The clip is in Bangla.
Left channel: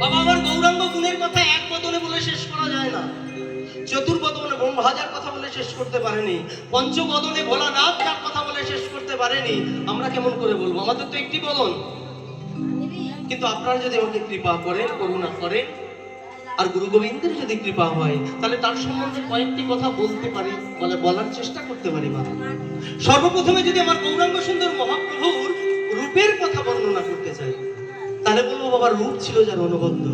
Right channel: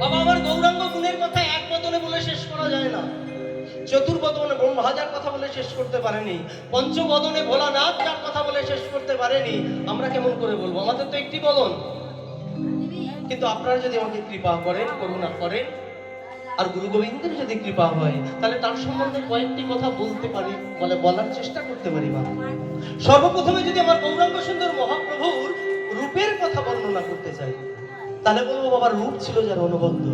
বাবা, আমার গৌরাঙ্গ গুণের কথা এক বলে শেষ করা যায় না। চতুর্বদনে হাজার কথা বলে শেষ করতে পারেনি। পঞ্চবদনে ভোলানাথ যার কথা বলে শেষ করতে পারেনি। আমরা কেমন করে বলব? আমাদের তো একটি বদন। কিন্তু আপনারা যদি আমাকে কৃপা করেন, করুণা করেন, আর গুরু গোবিন্দের যদি কৃপা হয়, তাহলে তার সম্বন্ধে কয়েকটি কথা বলতে পারি, বলে বলার চেষ্টা করতে পারি বা সর্বপ্রথমে যদি আমার গৌরাঙ্গ সুন্দর মহাপ্রভুর রূপের কথা বর্ণনা করতে চাই তাহলে বলব বাবার রূপ ছিল যেন অনবদ্য